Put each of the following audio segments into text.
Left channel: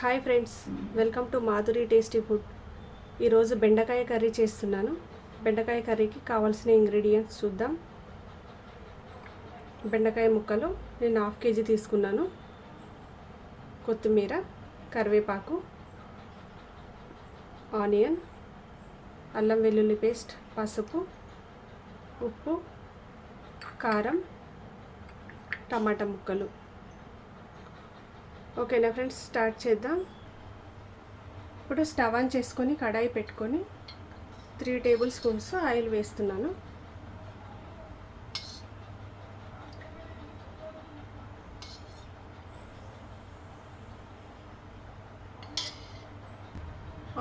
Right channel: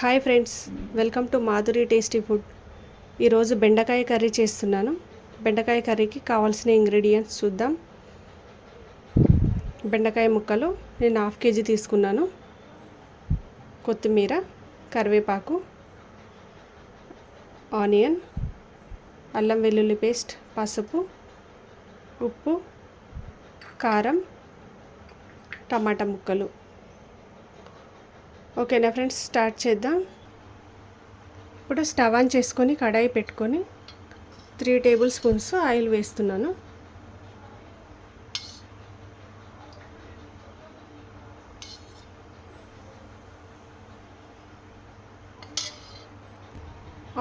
Hi friends welcome to Madhuri tasty food. ఈరోజు బెండకాయ curry చేస్తున్నాను. బెండకాయ కర్రీకి కావాల్సిన ఇంగ్రీడియంట్స్ చూద్దాం. బెండకాయ ముక్కలు నేను హాఫ్ కేజీ తీసుకున్నాను. కొత్తిమీర కరివేపాకు ఆనియన్ అల్లం వెల్లుల్లి పేస్ట్ పసుపు ఉప్పు కారం టమాటా ముక్కలు. ఓకేనా ఫ్రెండ్స్ స్టార్ట్ చేద్దాం. ఇప్పుడు స్టవ్ ఆన్ చేసుకొని కడాయి పెట్టుకొని త్రీ టేబుల్ స్పూన్స్ ఆయిల్ వేస్తున్నాను.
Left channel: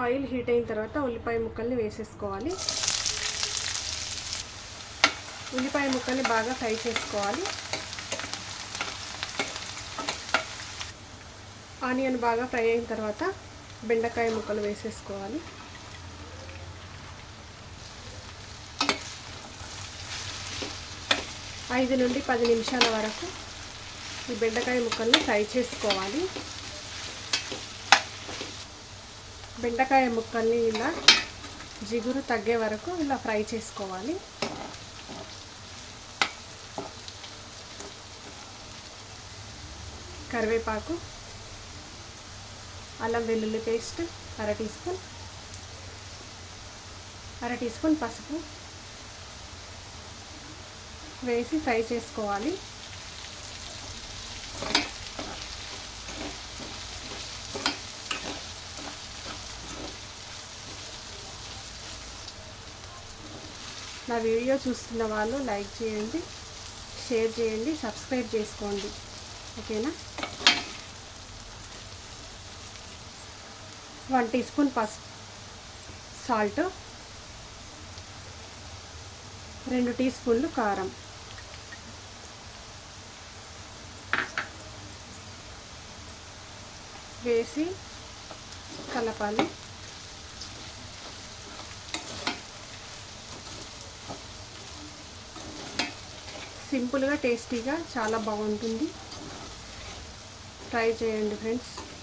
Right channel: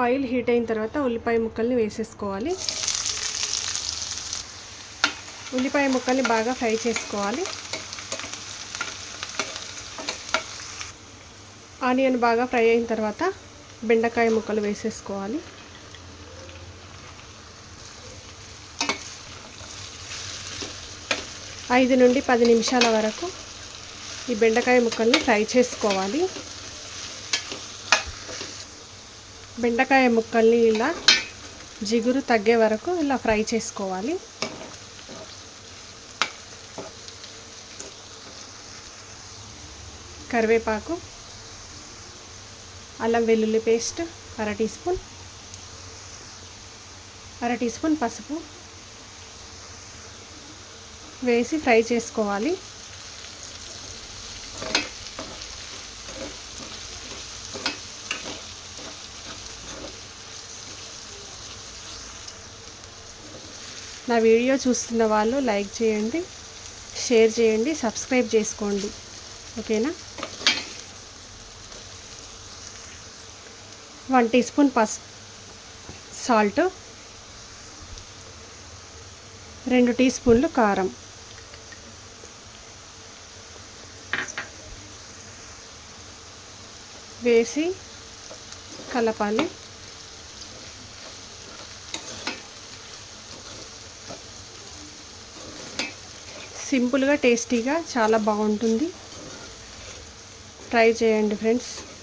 ఆయిల్ హీట్ అయిన తర్వాత ఉల్లిపాయ ముక్కల్ని వేసేసుకోవాలి. ఉల్లిపాయ ముక్కల్ని బాగా ఫ్రై చేసుకోవాలి. ఆనియన్ బాగా ఫ్రై అయిన తర్వాత బెండకాయ ముక్కలు వేసేసుకోవాలి. ఐదు నుండి పది నిమిషాల వరకు ఈ బెండకాయ ముక్కల్ని ఫ్రై చేసుకోవాలి. బెండకాయ ముక్కల్ని ఇలా జిగురు తగ్గే వరకు ఇలా ఫ్రై చేసుకోవాలి. కరివేపాకు అల్లం వెల్లుల్లి పేస్ట్ అర టీ స్పూన్. అర టీ స్పూన్ పసుపు. వేసి ఫ్రై చేసుకోవాలి. నా వీడియో చూస్తున్న వాళ్ళు లైక్ చేయండి షేర్ చేయండి సబ్స్క్రైబ్ చేసుకోండి. ఓకేనా? వన్ టీ స్పూన్ పస్ సాల్ట్. రెండు టీ స్పూన్లు కారం. వేసి కలపాలి. సింపుల్గా టేస్టీగా చాలా బాగుంటుంది. ట్రై చేయండి ఫ్రెండ్స్.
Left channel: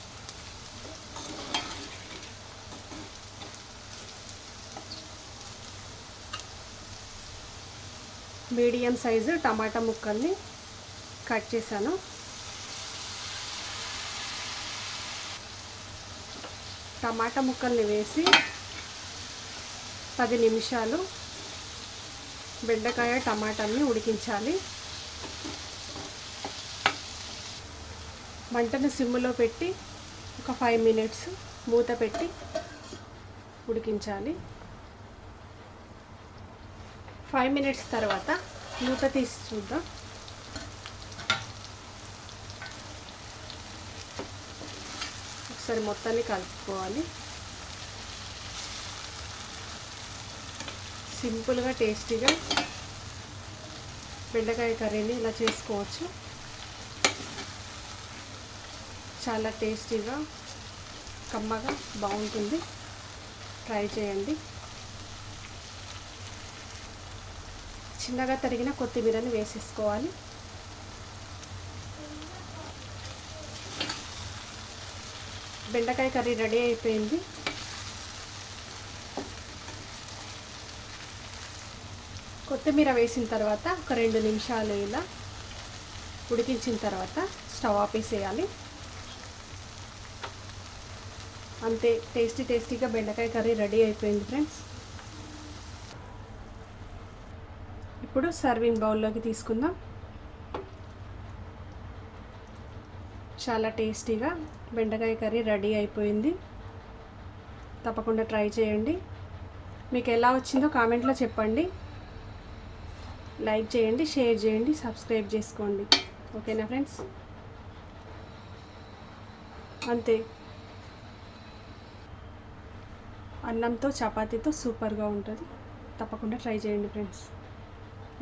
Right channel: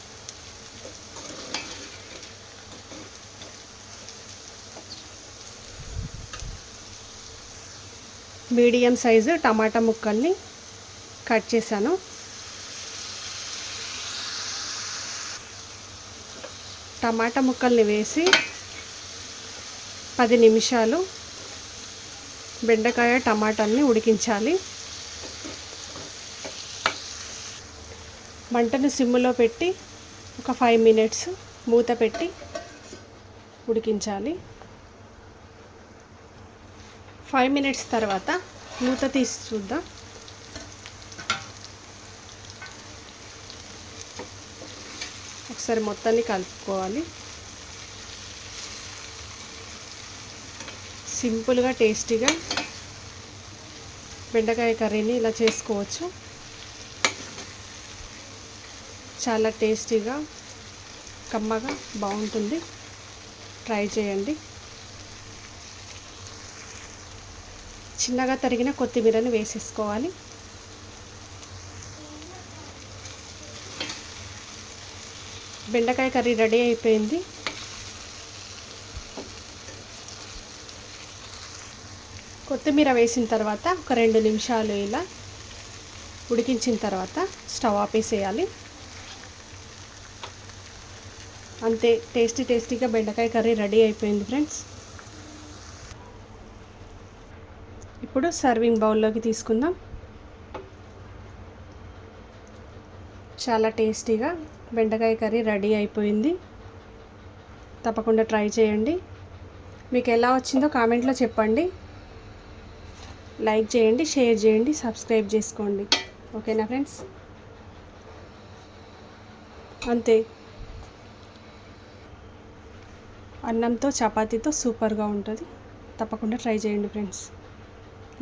మీడియం సైజు టమాటా ముక్కల్ని కట్ చేశాను. టమాటా ముక్కల్ని వేసి పది నిమిషాలు బెండకాయ టమాటాని ఉడికించాలి. మంటను సిమ్ములో పెట్టి ఒక ఫైవ్ మినిట్స్ మూత పెట్టి ఉడికించాలి. ఫైవ్ మినిట్స్ తర్వాత మూత తీసి చూద్దాం. ఒకసారి మొత్తాన్ని కలుపుకోవాలి. సింపుల్గా టేస్టీగా బెండకాయ కర్రీని ఇలా చేసుకోవచ్చు. చాలా టేస్టీగా కమ్మగా బాగుంటుంది. ట్రై చేయండి. చిన్నగా తరిగిన కొత్తిమీరని వేసేసుకోవాలి. బెండకాయ కర్రీ రెడీ అయిపోయింది. కొత్తిమీర వేసిన తర్వాత ఒక రెండు నిమిషాలు ఇలా ఉడికించిన తర్వాత స్టవ్ ఆపేసేయాలి. అంతే టేస్టీ టేస్టీగా బెండకాయ కర్రీ రెడీ అయిపోయింది ఫ్రెండ్స్. ఇప్పుడు సర్వింగ్ బౌల్లోకి తీసుకుందాం. చాలా టేస్టీగా బెండకాయ కర్రీ రెడీ అయిపోయింది. తప్పకుండా ట్రై చేయండి. మీకు ఎలా వచ్చిందో కామెంట్లో చెప్పండి. లైక్ చేయండి షేర్ చేయండి సబ్స్క్రైబ్ చేసుకోండి. ఓకేనా ఫ్రెండ్స్? అంతే. అన్నంతో చపాతీతో సూపర్గా ఉంటుంది. తప్పకుండా ట్రై చేయండి ఫ్రెండ్స్.